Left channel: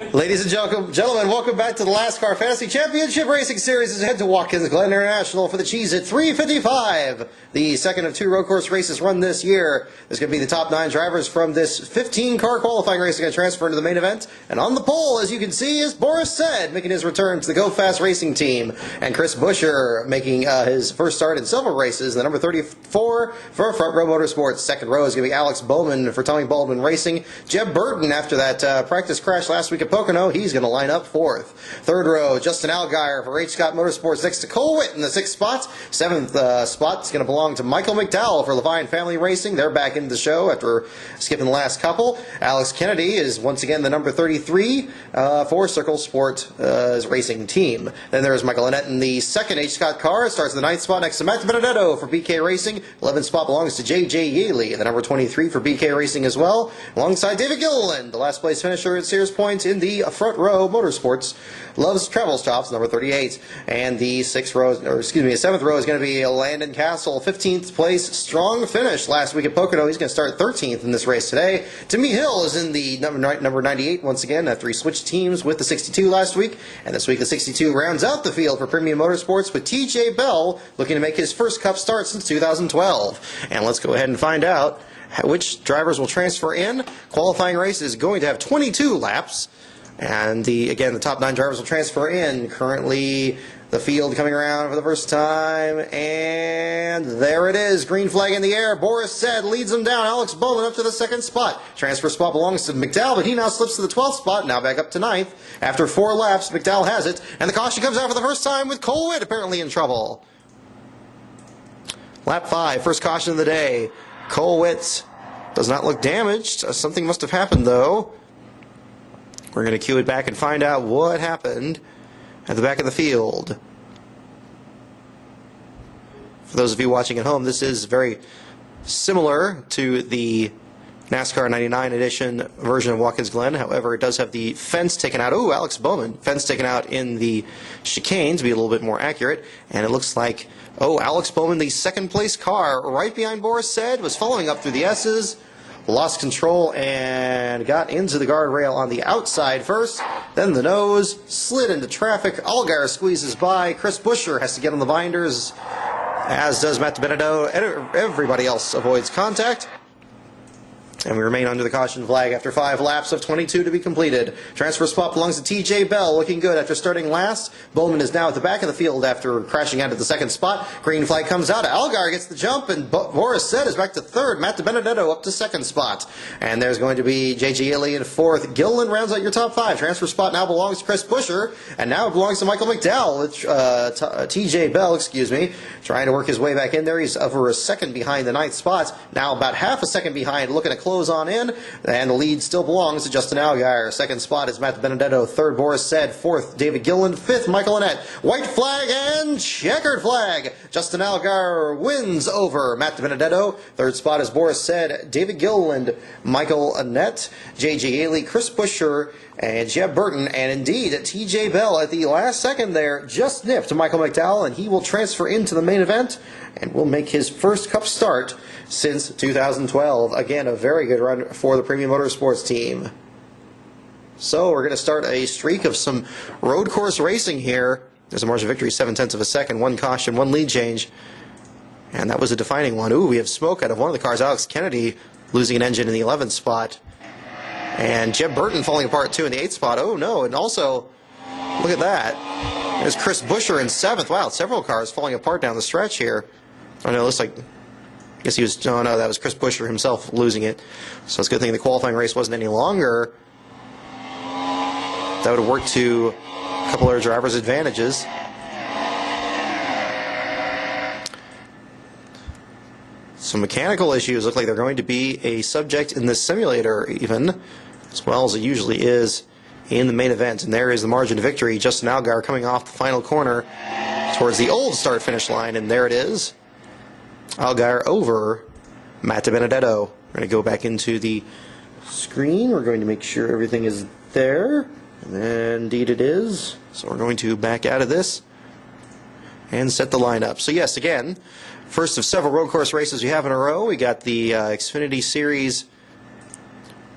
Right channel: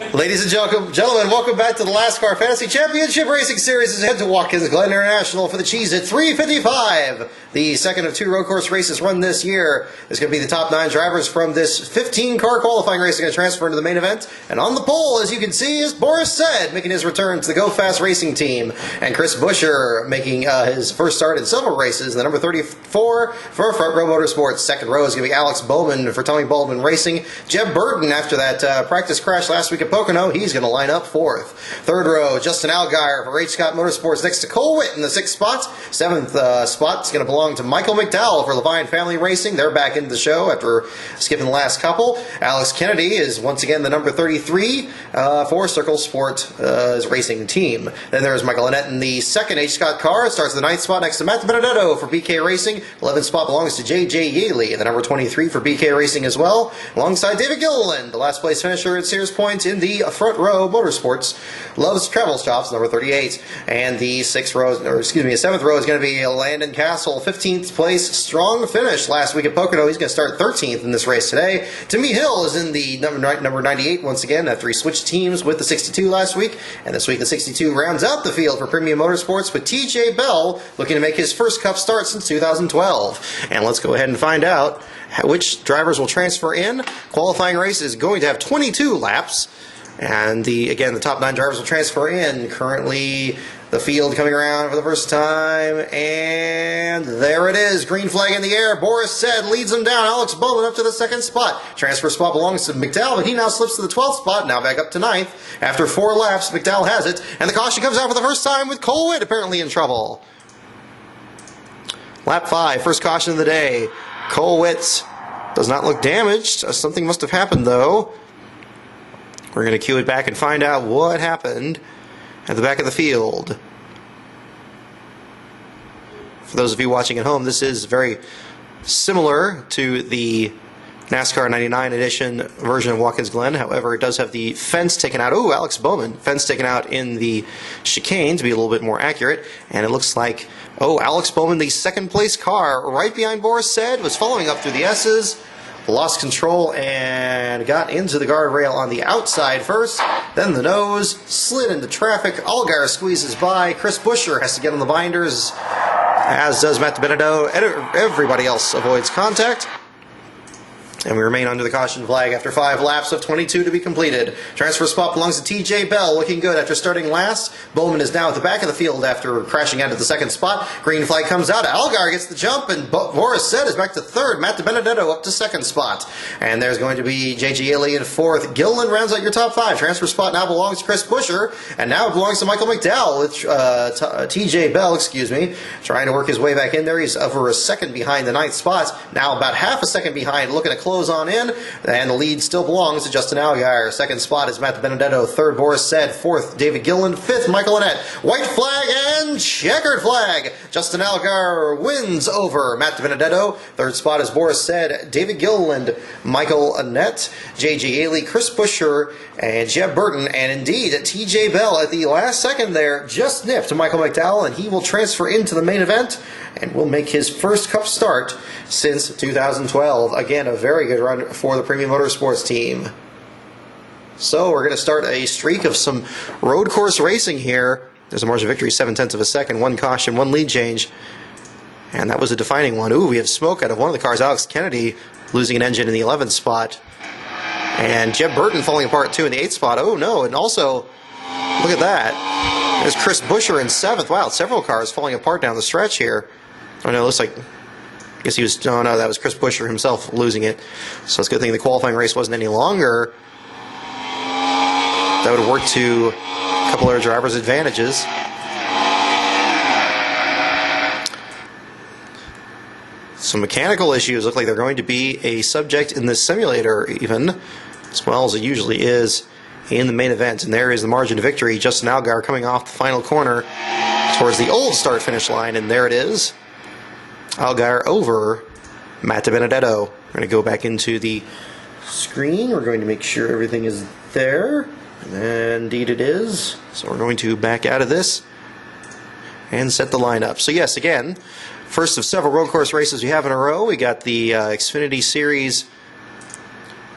Ladies and gentlemen, welcome back to the LASTCAR Fantasy Championship Racing Series as we head to Watkins Glen International for the Cheese at 355. The second of two road course races run this year is going to be the top 9 drivers from this 15-car qualifying race going to transfer into the main event. And on the pole, as you can see, is Boris Said making his return to the Go Fast Racing team. And Chris Buescher making his first start in several races. The number 34 for Front Row Motorsports. Second row is going to be Alex Bowman for Tommy Baldwin Racing. Jeb Burton, after that practice crash last week at Pocono, he's going to line up fourth. Third row, Justin Allgaier for H. Scott Motorsports next to Cole Witt in the 6th spot. 7th spot is going to belong to Michael McDowell for Levine Family Racing. They're back into the show after skipping the last couple. Alex Kennedy is once again the number 33 for Circle Sport Racing team. Then there's Michael Annett in the 2nd H. Scott car. Starts the 9th spot next to Matt Benedetto for BK Racing. 11th spot belongs to J.J. Yaley, the number 23 for BK Racing as well, alongside David Gilliland, the last place finisher at Sears Point in the Front Row Motorsports. Loves Travel Stops, number 38. And the 7th row is going to be Landon Castle, 15th place. Strong finish last week at Pocono. He's going to start 13th in this race today. Timmy Hill is in the number 98 once again after he switched teams with the 62 last week. And this week the 62 rounds out the field for Premium Motorsports with TJ Bell looking to make his first Cup start since 2012. And let's go ahead and find out which drivers will transfer in. Qualifying race is going to have 22 laps. And again, the top 9 drivers will transfer in. Currently, the field coming around for the first time. And there it is. Green flag in the air. Boris Said leads them down. Alex Bowman up to the 2nd spot. Transfer spot belongs to McDowell, but he now slips to the 12th spot. Now back up to 9th. After 4 laps, McDowell has it. And the caution comes out for the first time with Cole Witt apparently in trouble. Lap 5, first caution of the day. Cole Witt does not look damaged. Something must have happened, though. We're going to cue it back and find out what happened at the back of the field. For those of you watching at home, this is very similar to the NASCAR 99 edition version of Watkins Glen. However, it does have the fence taken out. Oh, Alex Bowman. Fence taken out in the chicane to be a little bit more accurate. And it looks like, Alex Bowman, the 2nd place car, right behind Boris Said, was following up through the S's. Lost control and got into the guardrail on the outside first, then the nose, slid into traffic. Allgaier squeezes by. Chris Buescher has to get on the binders, as does Matt Benedetto. Everybody else avoids contact. And we remain under the caution flag after 5 laps of 22 to be completed. Transfer spot belongs to TJ Bell, looking good after starting last. Bowman is now at the back of the field after crashing out of the 2nd spot. Green flag comes out. Allgaier gets the jump, and Boris Said is back to 3rd. Matt Benedetto up to 2nd spot. And there's going to be J.J. Yaley in 4th. Gilliland rounds out your top 5. Transfer spot now belongs to Chris Buescher, and now it belongs to Michael McDowell with TJ Bell, trying to work his way back in there. He's over a 2nd behind the 9th spot. Now about half a second behind, looking to close on in, and the lead still belongs to Justin Allgaier. 2nd spot is Matt Benedetto. 3rd, Boris Said. 4th, David Gilliland. 5th, Michael Annett. White flag and checkered flag. Justin Allgaier wins over Matt Benedetto. 3rd spot is Boris Said, David Gilliland, Michael Annett, J.J. Yaley, Chris Buescher, and Jeb Burton, and indeed TJ Bell at the last second there just nipped Michael McDowell, and he will transfer into the main event and will make his first Cup start since 2012. Again, a very good run for the Premium Motorsports team. So we're going to start a streak of some road course racing here. There's a margin of victory, 0.7 of a second, 1 caution, 1 lead change. And that was a defining one. Ooh, we have smoke out of one of the cars. Alex Kennedy losing an engine in the 11th spot. And Jeb Burton falling apart too in the 8th spot. Oh no, and also, look at that. There's Chris Buescher in 7th. Wow, several cars falling apart down the stretch here. Oh no, it looks like, I guess he was, oh no, that was Chris Buescher himself losing it. So it's a good thing the qualifying race wasn't any longer. That would have worked to a couple of drivers' advantages. Some mechanical issues look like they're going to be a subject in this simulator even, as well as it usually is in the main event. And there is the margin of victory. Justin Allgaier coming off the final corner towards the old start-finish line, and there it is. Allgaier over Matt Benedetto. We're going to go back into the screen. We're going to make sure everything is there. And indeed it is. So we're going to back out of this and set the lineup. So yes, again, first of several road course races we have in a row. We got the Xfinity Series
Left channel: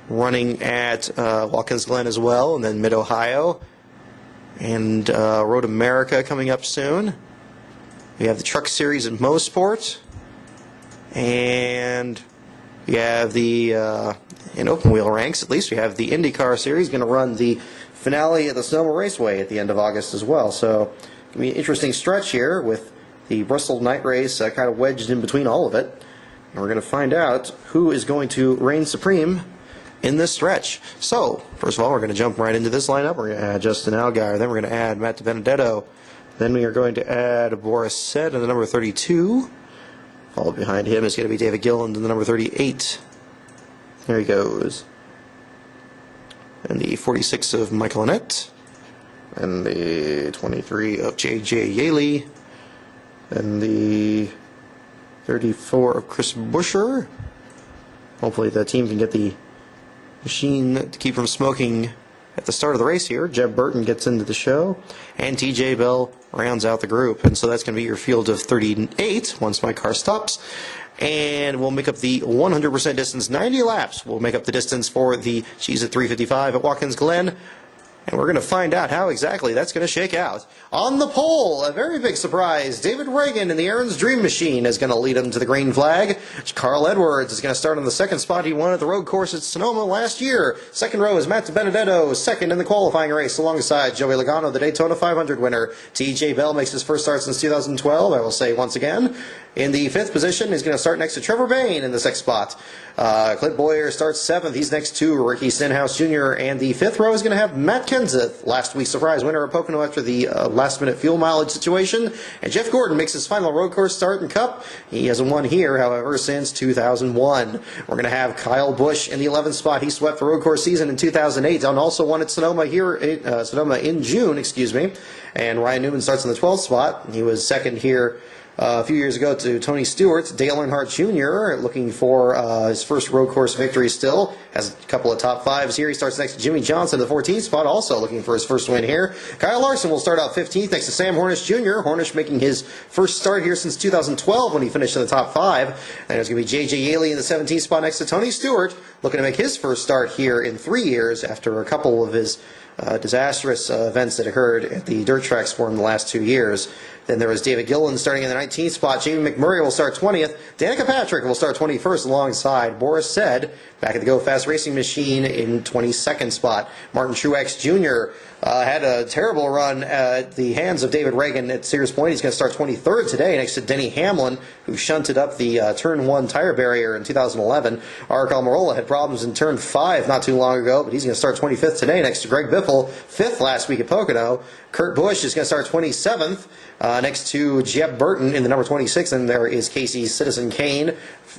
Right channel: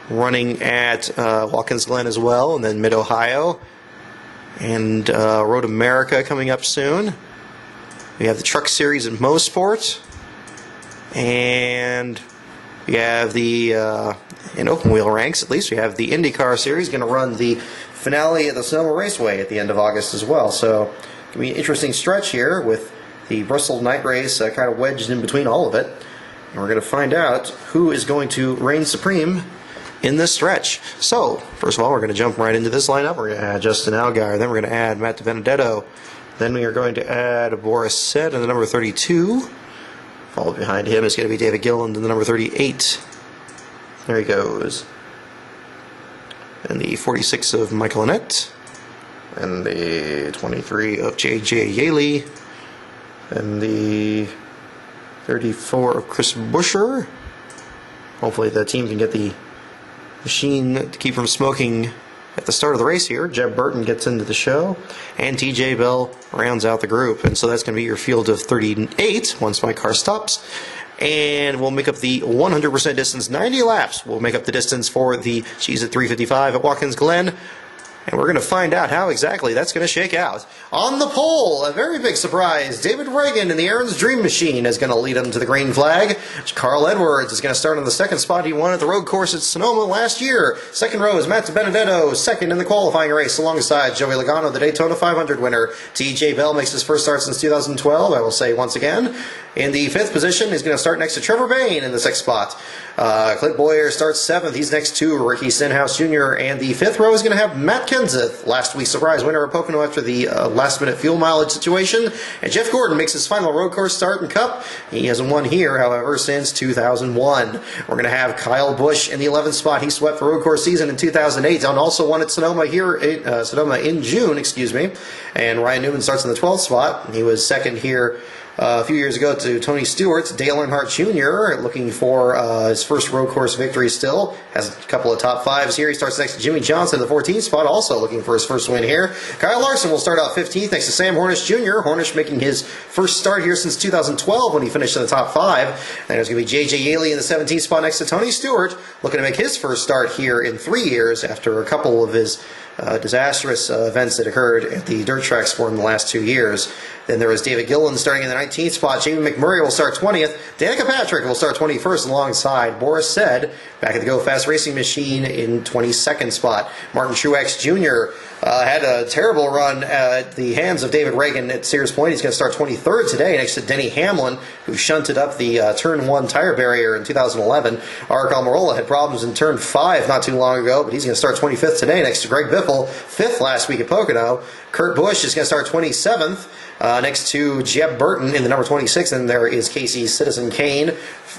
running at Watkins Glen as well, and then Mid-Ohio, and Road America coming up soon. We have the Truck Series in Mosport, and we have the, in open wheel ranks, at least we have the IndyCar Series going to run the finale at the Sonoma Raceway at the end of August as well. So, going to be an interesting stretch here with the Bristol Night Race kind of wedged in between all of it. And we're going to find out who is going to reign supreme in this stretch. So, first of all, we're going to jump right into this lineup. We're going to add Justin Allgaier, then we're going to add Matt DiBenedetto, then we are going to add Boris Said in the number 32. Followed behind him is going to be David Gilliland in the number 38. There he goes. And the 46 of Michael Annett. And the 23 of J.J. Yaley. And the 34 of Chris Buescher. Hopefully the team can get the machine to keep from smoking at the start of the race here. Jeb Burton gets into the show, and TJ Bell rounds out the group. And so that's going to be your field of 38 once my car stops. And we'll make up the 100% distance. 90 laps will make up the distance for the Cheese at 355 at Watkins Glen. And we're going to find out how exactly that's going to shake out. On the pole, a very big surprise. David Reagan in the Aaron's Dream Machine is going to lead him to the green flag. Carl Edwards is going to start on the second spot. He won at the road course at Sonoma last year. Second row is Matt DiBenedetto, second in the qualifying race alongside Joey Logano, the Daytona 500 winner. TJ Bell makes his first start since 2012, I will say once again. In the fifth position, he's going to start next to Trevor Bayne in the sixth spot. Clint Boyer starts seventh. He's next to Ricky Stenhouse Jr. And the fifth row is going to have Matt Kenseth, last week's surprise winner of Pocono after the last-minute fuel mileage situation. And Jeff Gordon makes his final road course start in Cup. He hasn't won here, however, since 2001. We're going to have Kyle Busch in the 11th spot. He swept the road course season in 2008 and also won at Sonoma Sonoma in June, And Ryan Newman starts in the 12th spot. He was second here a few years ago to Tony Stewart. Dale Earnhardt Jr. looking for his first road course victory still. Has a couple of top fives here. He starts next to Jimmy Johnson in the 14th spot, also looking for his first win here. Kyle Larson will start out 15th next to Sam Hornish Jr. Hornish making his first start here since 2012 when he finished in the top five. And there's going to be J.J. Yaley in the 17th spot next to Tony Stewart, looking to make his first start here in 3 years after a couple of his disastrous events that occurred at the dirt tracks for him the last 2 years. Then there is David Gilliland starting in the 19th spot. Jamie McMurray will start 20th. Danica Patrick will start 21st alongside Boris Said back at the Go Fast Racing Machine in 22nd spot. Martin Truex Jr. Had a terrible run at the hands of David Reagan at Sears Point. He's going to start 23rd today next to Denny Hamlin, who shunted up the Turn 1 tire barrier in 2011. Aric Almirola had problems in Turn 5 not too long ago, but he's going to start 25th today next to Greg Biffle, 5th last week at Pocono. Kurt Busch is going to start 27th. Next to Jeb Burton in the number 26, and there is Casey Citizen Kane,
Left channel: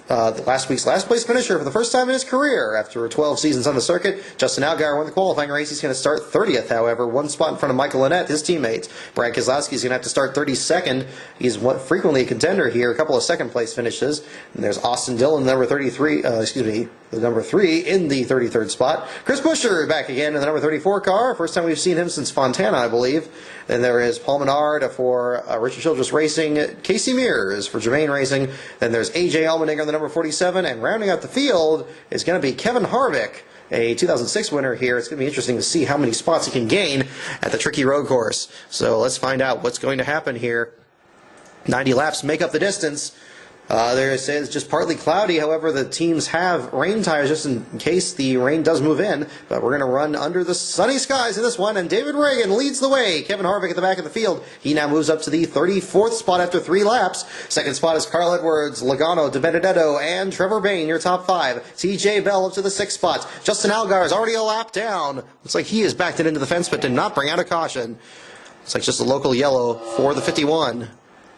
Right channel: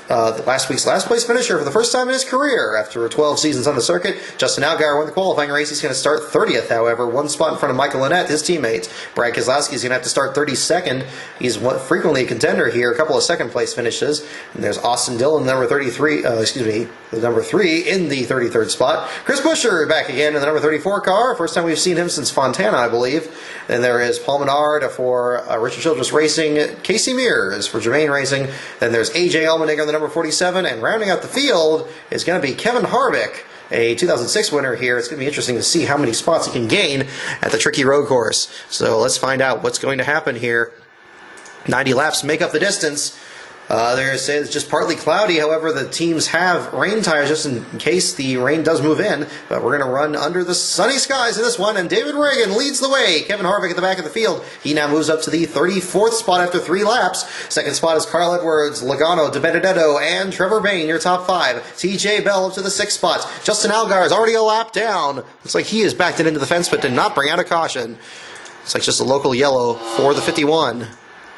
last week's last place finisher for the first time in his career after 12 seasons on the circuit. Justin Allgaier won the qualifying race. He's going to start 30th, however, one spot in front of Michael Annett, his teammate. Brad Keselowski is going to have to start 32nd. He's frequently a contender here, a couple of second place finishes. And there's Austin Dillon, number 33, the number 3 in the 33rd spot. Chris Buescher back again in the number 34 car. First time we've seen him since Fontana, I believe. Then there is Paul Menard for Richard Childress Racing, Casey Mears for Germain Racing. Then there's A.J. Allmendinger in the number 47. And rounding out the field is going to be Kevin Harvick, a 2006 winner here. It's going to be interesting to see how many spots he can gain at the tricky road course. So let's find out what's going to happen here. 90 laps make up the distance. There it says just partly cloudy. However, the teams have rain tires just in case the rain does move in. But we're going to run under the sunny skies in this one. And David Reagan leads the way. Kevin Harvick at the back of the field. He now moves up to the 34th spot after 3 laps. Second spot is Carl Edwards, Logano, DiBenedetto, and Trevor Bayne, your top 5. TJ Bell up to the 6th spot. Justin Allgaier is already a lap down. Looks like he is backed it into the fence, but did not bring out a caution. Looks like just a local yellow for the 51.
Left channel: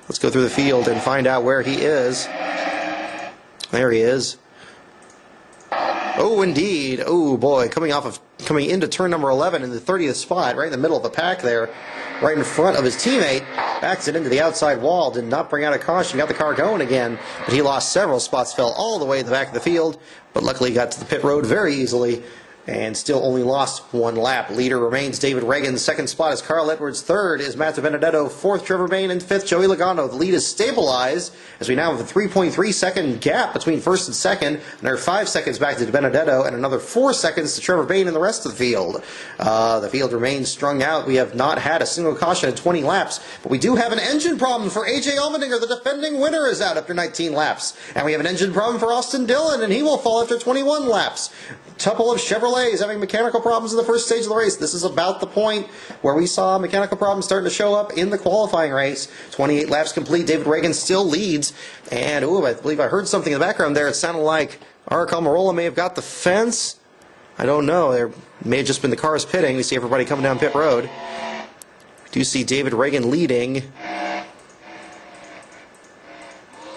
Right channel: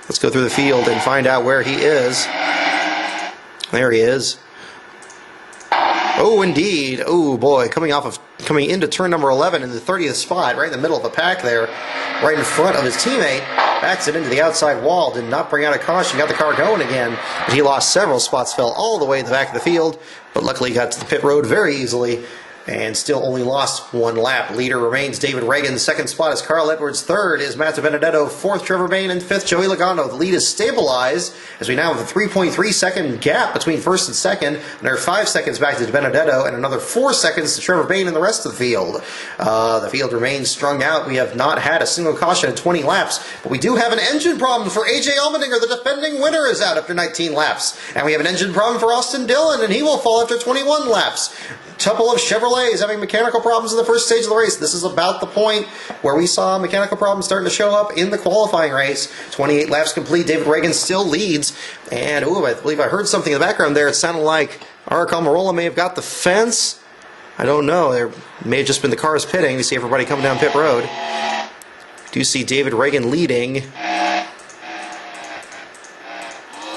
Let's go through the field and find out where he is. There he is. Oh, indeed. Oh, boy. Coming into turn number 11 in the 30th spot, right in the middle of the pack there, right in front of his teammate. Backs it into the outside wall. Did not bring out a caution. Got the car going again. But he lost several spots, fell all the way to the back of the field, but luckily got to the pit road very easily. and still only lost one lap. Leader remains David Reagan. Second spot is Carl Edwards. Third is Matt Benedetto. Fourth, Trevor Bayne. And fifth, Joey Logano. The lead is stabilized as we now have a 3.3 second gap between first and second. Another 5 seconds back to Benedetto, and another 4 seconds to Trevor Bayne and the rest of the field. The field remains strung out. We have not had a single caution in 20 laps, but we do have an engine problem for AJ Allmendinger. The defending winner is out after 19 laps. And we have an engine problem for Austin Dillon, and he will fall after 21 laps. Couple of Chevrolets having mechanical problems in the first stage of the race. This is about the point where we saw mechanical problems starting to show up in the qualifying race. 28 laps complete. David Reagan still leads. And, I believe I heard something in the background there. It sounded like Ark Almirola may have got the fence. I don't know. There may have just been the cars pitting. You see everybody coming down pit road. Do you see David Reagan leading?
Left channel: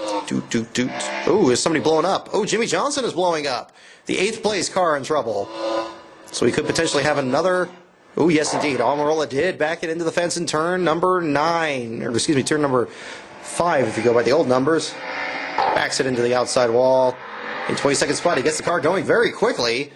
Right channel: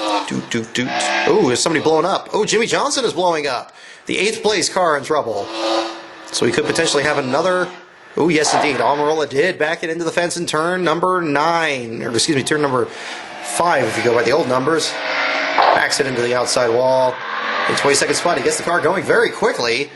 Oh, is somebody blowing up? Oh, Jimmy Johnson is blowing up. The 8th place car in trouble. So we could potentially have another. Oh, yes, indeed. Almirola did back it into the fence in turn number 9. Or, excuse me, turn number 5 if you go by the old numbers. Backs it into the outside wall. In 22nd spot, he gets the car going very quickly.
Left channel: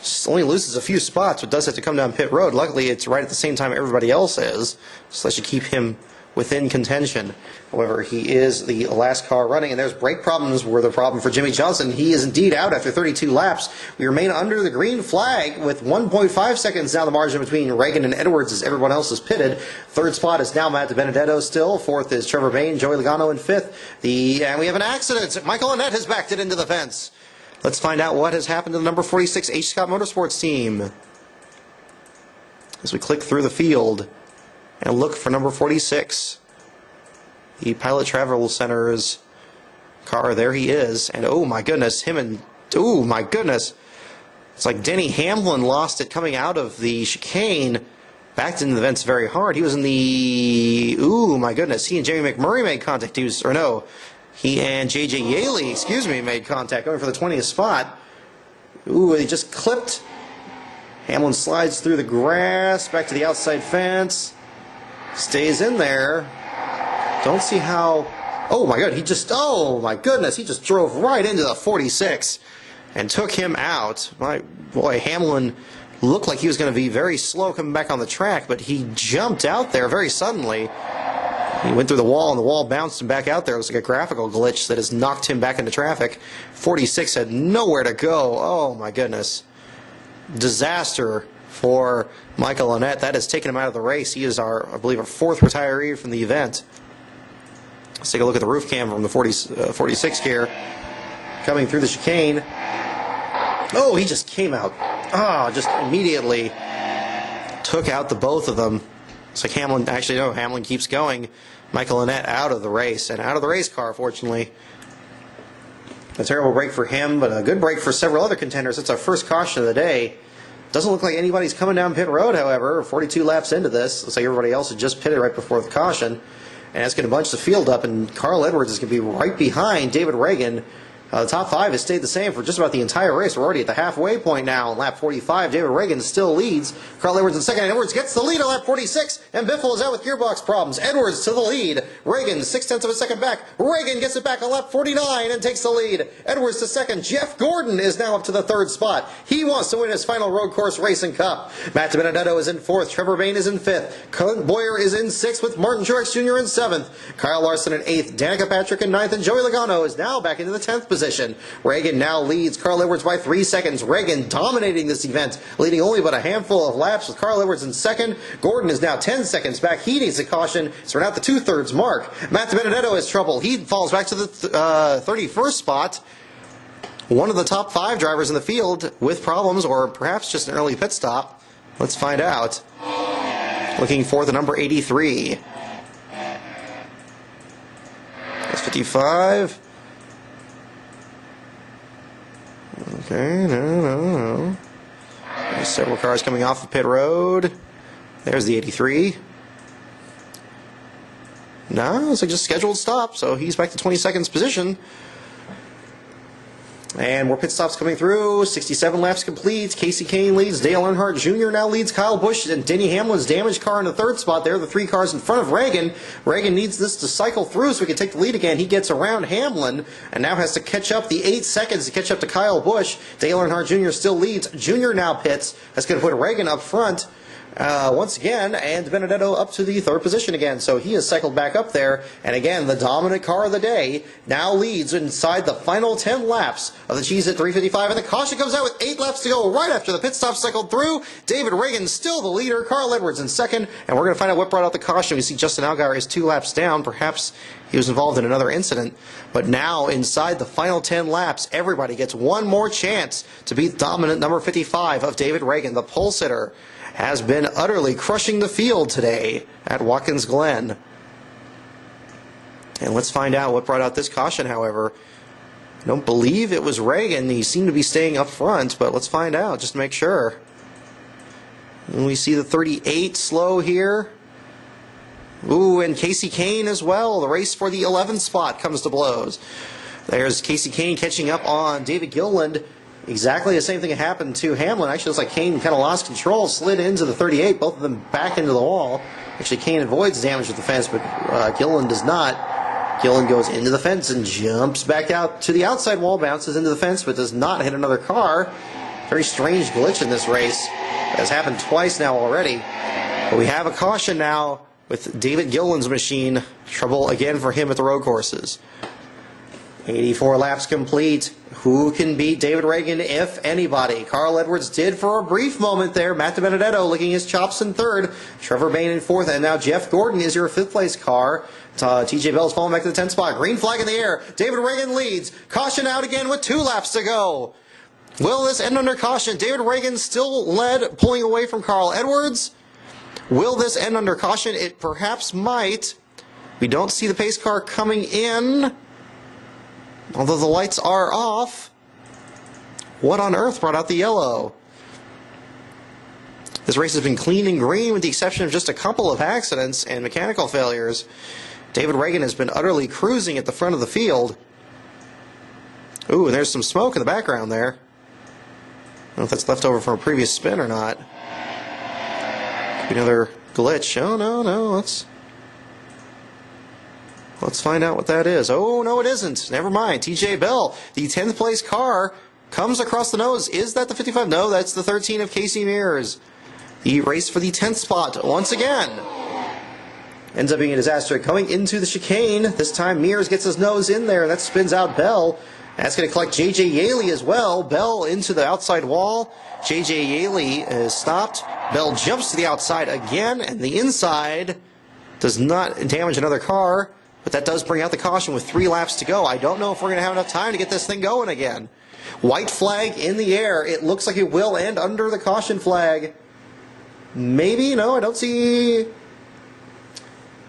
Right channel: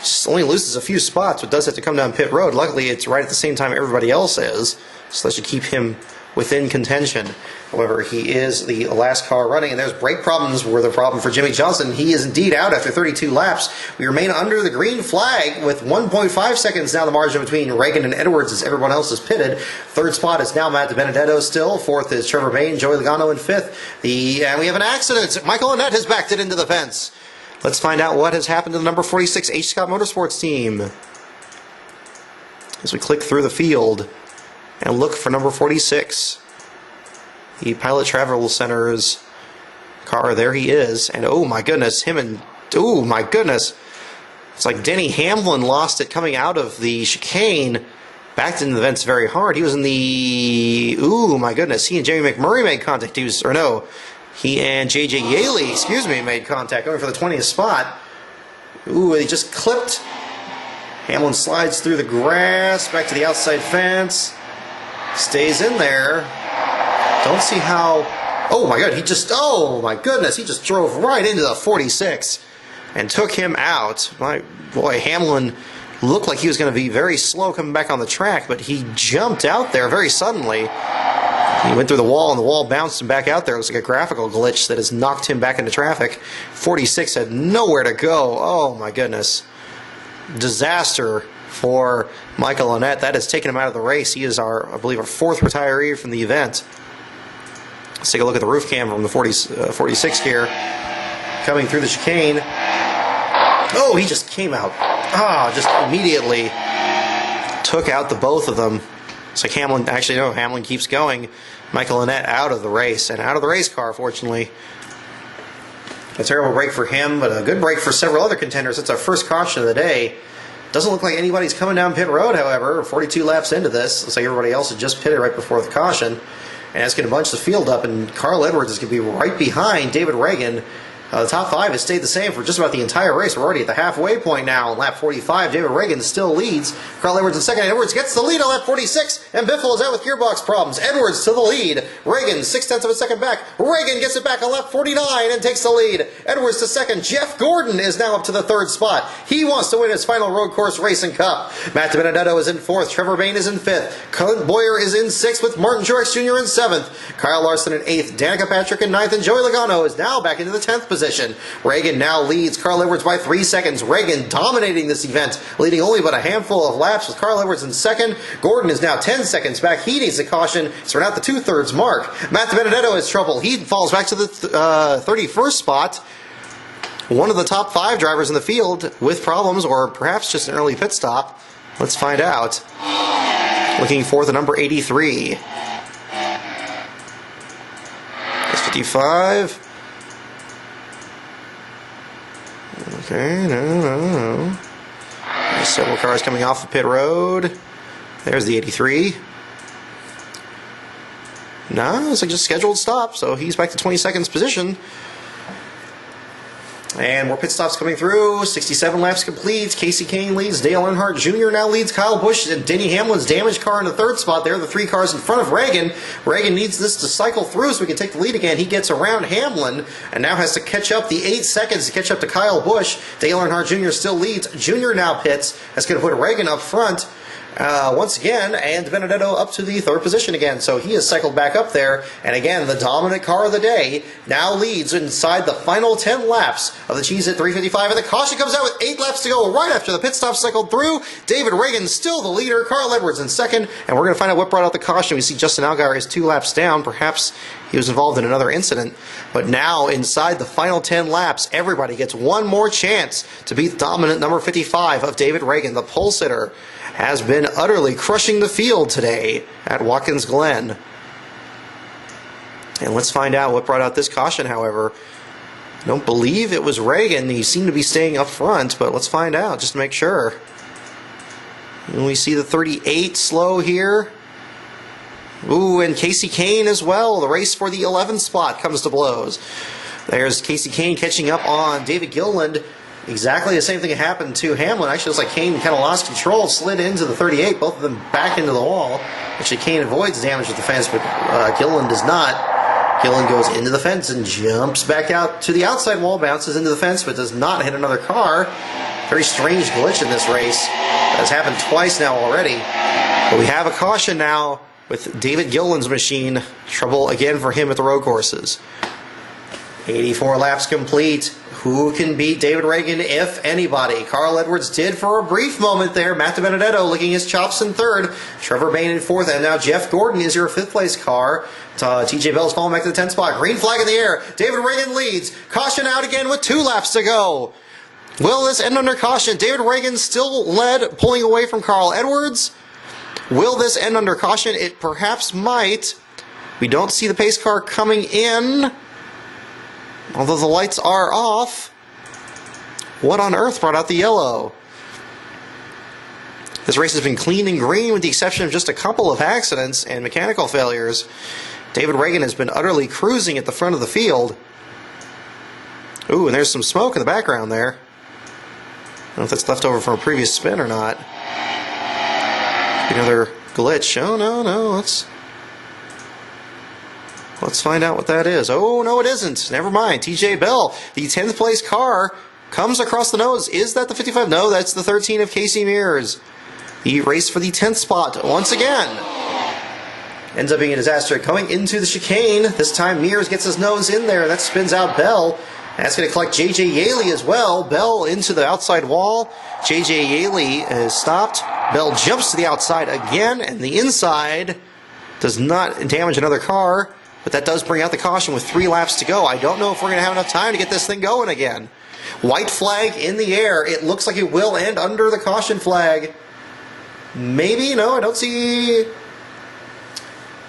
Just only loses a few spots, but does have to come down pit road. Luckily, it's right at the same time everybody else is. So that should keep him within contention. However, he is the last car running, and there's brake problems were the problem for Jimmy Johnson. He is indeed out after 32 laps. We remain under the green flag with 1.5 seconds down the margin between Reagan and Edwards as everyone else is pitted. Third spot is now Matt Benedetto still. Fourth is Trevor Bayne, Joey Logano in fifth. And we have an accident. Michael Annett has backed it into the fence. Let's find out what has happened to the number 46 H. Scott Motorsports team. As we click through the field and look for number 46. The Pilot Travel Center's car, there he is, and oh my goodness, oh my goodness, it's like Denny Hamlin lost it coming out of the chicane, backed into the vents very hard. He was in the, oh my goodness, he and Jamie McMurray made contact, he and J.J. Yaley, made contact, going for the 20th spot. Ooh, he just clipped. Hamlin slides through the grass, back to the outside fence, stays in there. Don't see how. Oh my God! Oh my goodness! He just drove right into the 46 and took him out. My boy, Hamlin looked like he was going to be very slow coming back on the track, but he jumped out there very suddenly. He went through the wall, and the wall bounced him back out there. It was like a graphical glitch that has knocked him back into traffic. 46 had nowhere to go. Oh my goodness! Disaster for Michael Annett. That has taken him out of the race. He is I believe, our 4th retiree from the event. Let's take a look at the roof cam from the 46 here. Coming through the chicane. Oh, he just came out. Just immediately took out the both of them. It's like Hamlin, actually no, Hamlin keeps going. Michael Annett out of the race, and out of the race car, fortunately. A terrible break for him, but a good break for several other contenders. It's our first caution of the day. Doesn't look like anybody's coming down pit road, however. 42 laps into this. Looks like everybody else had just pitted right before the caution. And that's going to bunch the field up, and Carl Edwards is going to be right behind David Reagan. The top 5 has stayed the same for just about the entire race. We're already at the halfway point now on lap 45. David Reagan still leads. Carl Edwards in second. Edwards gets the lead on lap 46, and Biffle is out with gearbox problems. Edwards to the lead. Reagan 0.6 of a second back. Reagan gets it back on lap 49 and takes the lead. Edwards to second. Jeff Gordon is now up to the 3rd spot. He wants to win his final road course racing cup. Matt Benedetto is in 4th. Trevor Bayne is in 5th. Clint Boyer is in 6th with Martin Truex Jr. in 7th. Kyle Larson in 8th. Danica Patrick in 9th, and Joey Logano is now back into the 10th position. Reagan now leads Carl Edwards by 3 seconds. Reagan dominating this event, leading only but a handful of laps with Carl Edwards in 2nd. Gordon is now 10 seconds back. He needs a caution, so we're not the 2/3 mark. Matt Benedetto has trouble. He falls back to the 31st spot. One of the top 5 drivers in the field with problems, or perhaps just an early pit stop. Let's find out. Looking for the number 83. 55. Okay, no. Several cars coming off the pit road. There's the 83. No, it's like just scheduled stop, so he's back to 22nd position. And more pit stops coming through. 67 laps complete. Casey Kane leads. Dale Earnhardt Jr. now leads Kyle Busch. And Denny Hamlin's damaged car in the third spot there. The three cars in front of Reagan. Reagan needs this to cycle through so he can take the lead again. He gets around Hamlin and now has to catch up the 8 seconds to catch up to Kyle Busch. Dale Earnhardt Jr. still leads. Jr. now pits. That's going to put Reagan up front. Once again, and Benedetto up to the third position again. So he has cycled back up there. And again, the dominant car of the day now leads inside the final 10 laps of the Cheez-It 355. And the caution comes out with 8 laps to go right after the pit stop cycled through. David Reagan still the leader. Carl Edwards in second. And we're going to find out what brought out the caution. We see Justin Allgaier is 2 laps down. Perhaps he was involved in another incident. But now, inside the final 10 laps, everybody gets one more chance to beat dominant number 55 of David Reagan, the pole sitter. Has been utterly crushing the field today at Watkins Glen. And let's find out what brought out this caution, however. I don't believe it was Reagan. He seemed to be staying up front, but let's find out just to make sure. And we see the 38 slow here. Ooh, and Casey Kane as well. The race for the 11th spot comes to blows. There's Casey Kane catching up on David Gilliland. Exactly the same thing happened to Hamlin. Actually, looks like Kane kind of lost control, slid into the 38, both of them back into the wall. Actually, Kane avoids damage with the fence, but Gilliland does not. Gilliland goes into the fence and jumps back out to the outside wall, bounces into the fence, but does not hit another car. Very strange glitch in this race. Has happened twice now already. But we have a caution now with David Gilliland's machine. Trouble again for him at the road courses. 84 laps complete. Who can beat David Reagan, if anybody? Carl Edwards did for a brief moment there. Matthew Benedetto licking his chops in third. Trevor Bayne in fourth. And now Jeff Gordon is your 5th place car. TJ Bell's falling back to the 10th spot. Green flag in the air. David Reagan leads. Caution out again with 2 laps to go. Will this end under caution? David Reagan still led, pulling away from Carl Edwards. Will this end under caution? It perhaps might. We don't see the pace car coming in, although the lights are off. What on earth brought out the yellow? This race has been clean and green with the exception of just a couple of accidents and mechanical failures. David Reagan has been utterly cruising at the front of the field. Ooh, and there's some smoke in the background there. I don't know if that's left over from a previous spin or not. Another glitch. Oh, no. Let's find out what that is. Oh, no, it isn't. Never mind. TJ Bell, the 10th place car, comes across the nose. Is that the 55? No, that's the 13 of Casey Mears. He raced for the 10th spot once again. Ends up being a disaster. Coming into the chicane, this time Mears gets his nose in there. That spins out Bell. That's going to collect J.J. Yaley as well. Bell into the outside wall. J.J. Yaley is stopped. Bell jumps to the outside again, and the inside does not damage another car. But that does bring out the caution with 3 laps to go. I don't know if we're going to have enough time to get this thing going again. White flag in the air. It looks like it will end under the caution flag. Maybe? No, I don't see...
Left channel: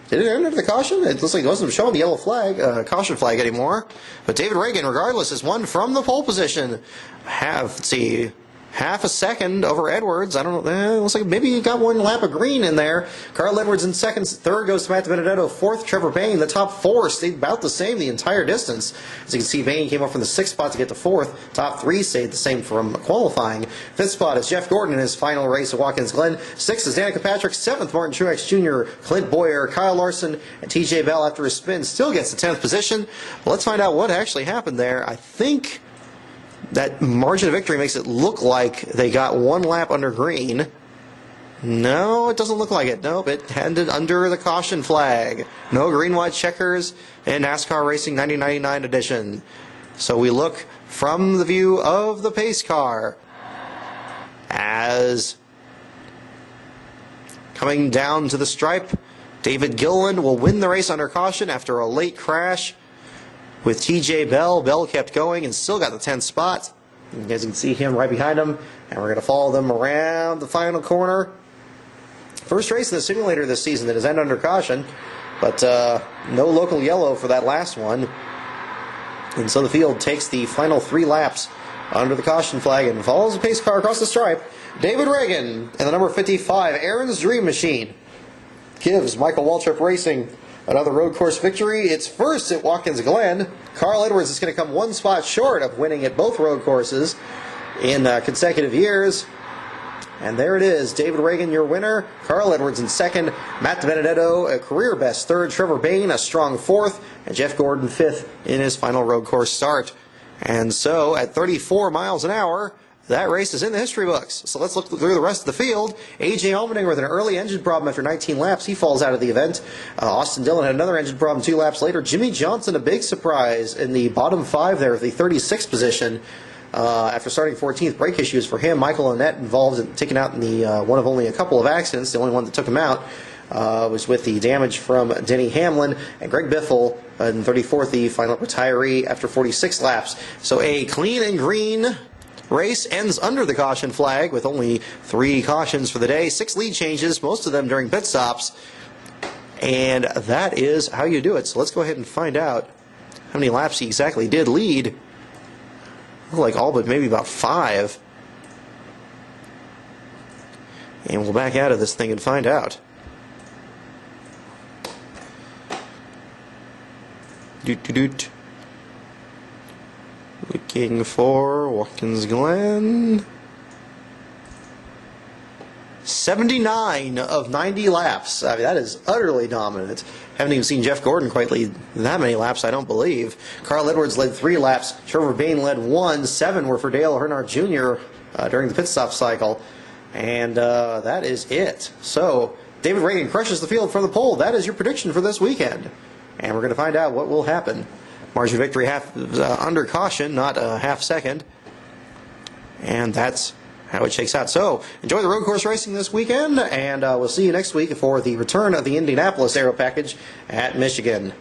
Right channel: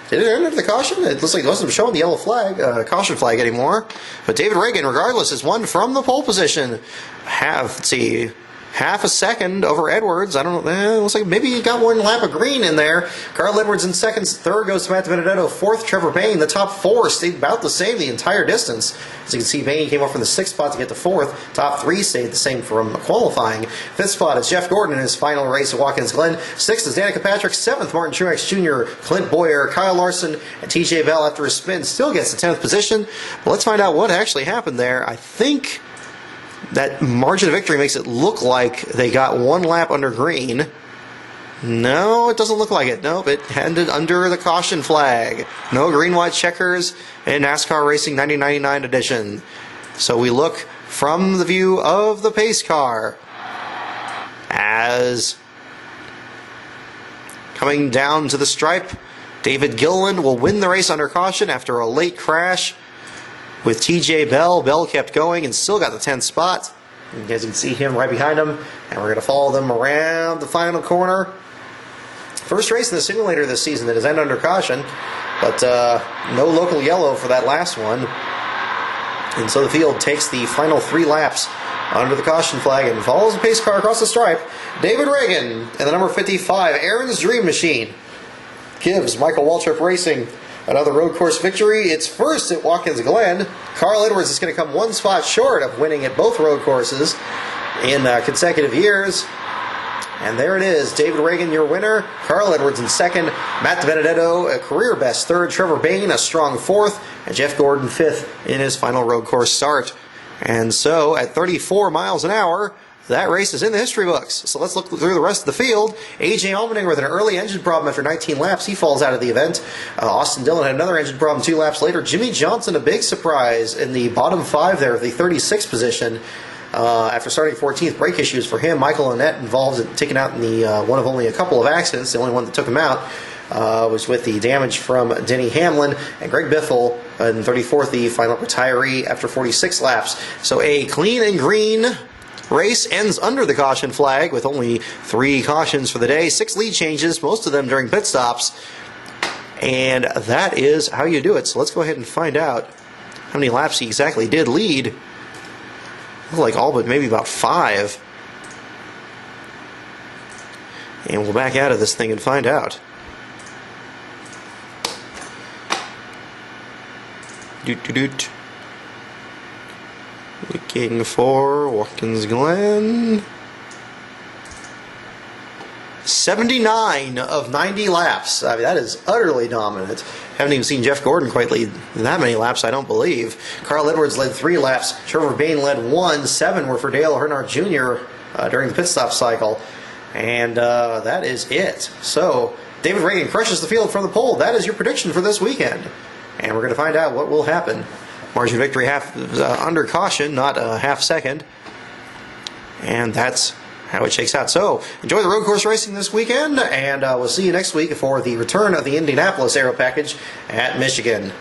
Did it end under the caution? It looks like it wasn't showing the yellow flag, caution flag anymore. But David Reagan, regardless, has won from the pole position. Half a second over Edwards. I don't know. Looks like maybe he got 1 lap of green in there. Carl Edwards in second. Third goes to Matt Benedetto. Fourth, Trevor Bayne. The top 4 stayed about the same the entire distance. As you can see, Bayne came up from the 6th spot to get to 4th. Top 3 stayed the same from qualifying. 5th spot is Jeff Gordon in his final race at Watkins Glen. 6th is Danica Patrick. 7th, Martin Truex Jr., Clint Boyer, Kyle Larson, and TJ Bell after a spin still gets the 10th position. Let's find out what actually happened there. I think that margin of victory makes it look like they got 1 lap under green. No, it doesn't look like it. Nope, it ended under the caution flag. No green, white checkers in NASCAR Racing 1999 edition. So we look from the view of the pace car as coming down to the stripe, David Gilliland will win the race under caution after a late crash with TJ Bell. Bell kept going and still got the 10th spot. You guys can see him right behind him, and we're going to follow them around the final corner. First race of the simulator this season that is ended under caution, but no local yellow for that last one. And so the field takes the final 3 laps under the caution flag and follows the pace car across the stripe. David Reagan and the number 55, Aaron's Dream Machine, gives Michael Waltrip Racing another road course victory. It's first at Watkins Glen. Carl Edwards is going to come one spot short of winning at both road courses in consecutive years. And there it is. David Reagan, your winner. Carl Edwards in second. Matt DiBenedetto, a career best third. Trevor Bayne, a strong fourth. And Jeff Gordon, fifth in his final road course start. And so, at 34 miles an hour, that race is in the history books. So let's look through the rest of the field. A.J. Allmendinger with an early engine problem after 19 laps. He falls out of the event. Austin Dillon had another engine problem 2 laps later. Jimmy Johnson, a big surprise in the bottom 5 there, the 36th position. After starting 14th, brake issues for him. Michael Annett involved in taking out in the one of only a couple of accidents. The only one that took him out was with the damage from Denny Hamlin. And Greg Biffle in 34th, the final retiree after 46 laps. So a clean and green race ends under the caution flag with only 3 cautions for the day. 6 lead changes, most of them during pit stops. And that is how you do it. So let's go ahead and find out how many laps he exactly did lead. Like all but maybe about 5. And we'll back out of this thing and find out. Doot. Looking for Watkins Glen. 79 of 90 laps. I mean, that is utterly dominant. Haven't even seen Jeff Gordon quite lead that many laps, I don't believe. Carl Edwards led 3 laps. Trevor Bayne led 1. 7 were for Dale Earnhardt Jr. During the pit stop cycle. And that is it. So, David Reagan crushes the field for the pole. That is your prediction for this weekend. And we're going to find out what will happen. Margin of victory under caution, not a half second. And that's how it shakes out. So, enjoy the road course racing this weekend, and we'll see you next week for the return of the Indianapolis Aero Package at Michigan.